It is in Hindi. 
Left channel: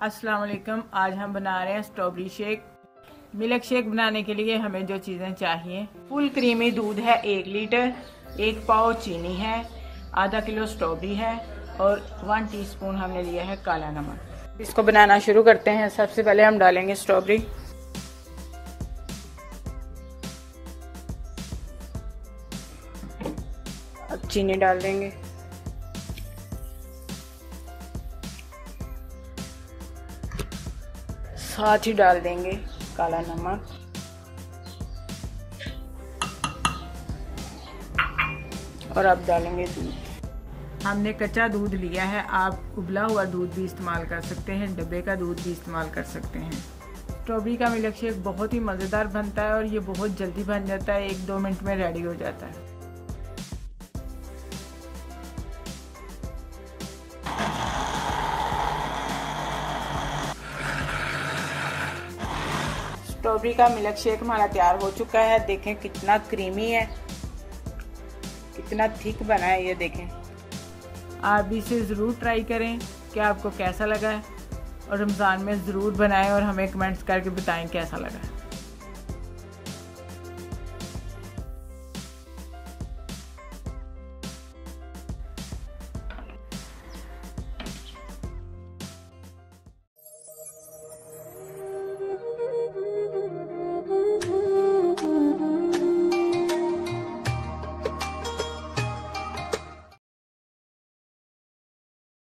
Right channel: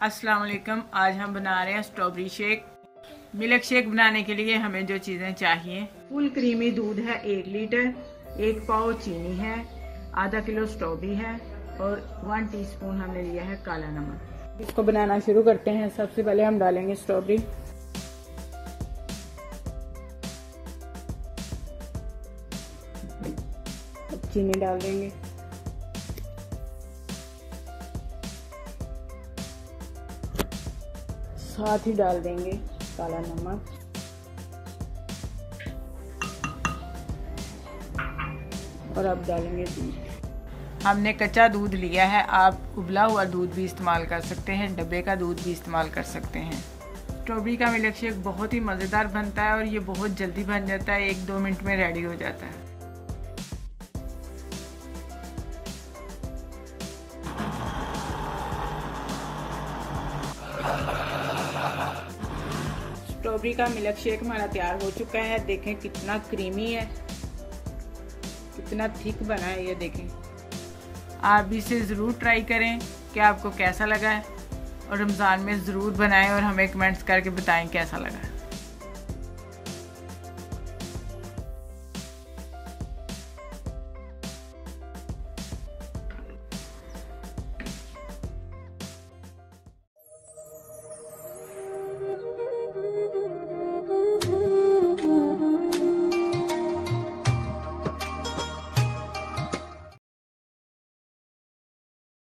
अस्सलाम वालेकुम। आज हम बना रहे हैं स्ट्रॉबेरी शेक। मिल्क शेक बनाने के लिए हमें जो चीज़ें चाहिए, फुल क्रीमी दूध है 1 लीटर, 1 पाव चीनी है, आधा किलो स्ट्रॉबेरी है और 1 टीस्पून हमने लिया है काला नमक। इसको बनाना शुरू करते हैं। सबसे पहले हम डालेंगे स्ट्रॉबेरी, अब चीनी डाल देंगे, साथ ही डाल देंगे काला नमक, और अब डालेंगे दूध। हमने कच्चा दूध लिया है, आप उबला हुआ दूध भी इस्तेमाल कर सकते हैं, डब्बे का दूध भी इस्तेमाल कर सकते हैं। स्ट्रॉबेरी का मिल्क शेक बहुत ही मज़ेदार बनता है और ये बहुत जल्दी बन जाता है, 1-2 मिनट में रेडी हो जाता है। स्ट्रॉबेरी का मिल्क शेक हमारा तैयार हो चुका है। देखें कितना क्रीमी है, कितना थिक बना है, ये देखें। आप इसे ज़रूर ट्राई करें कि आपको कैसा लगा है, और रमज़ान में ज़रूर बनाएं और हमें कमेंट्स करके बताएं कैसा लगा।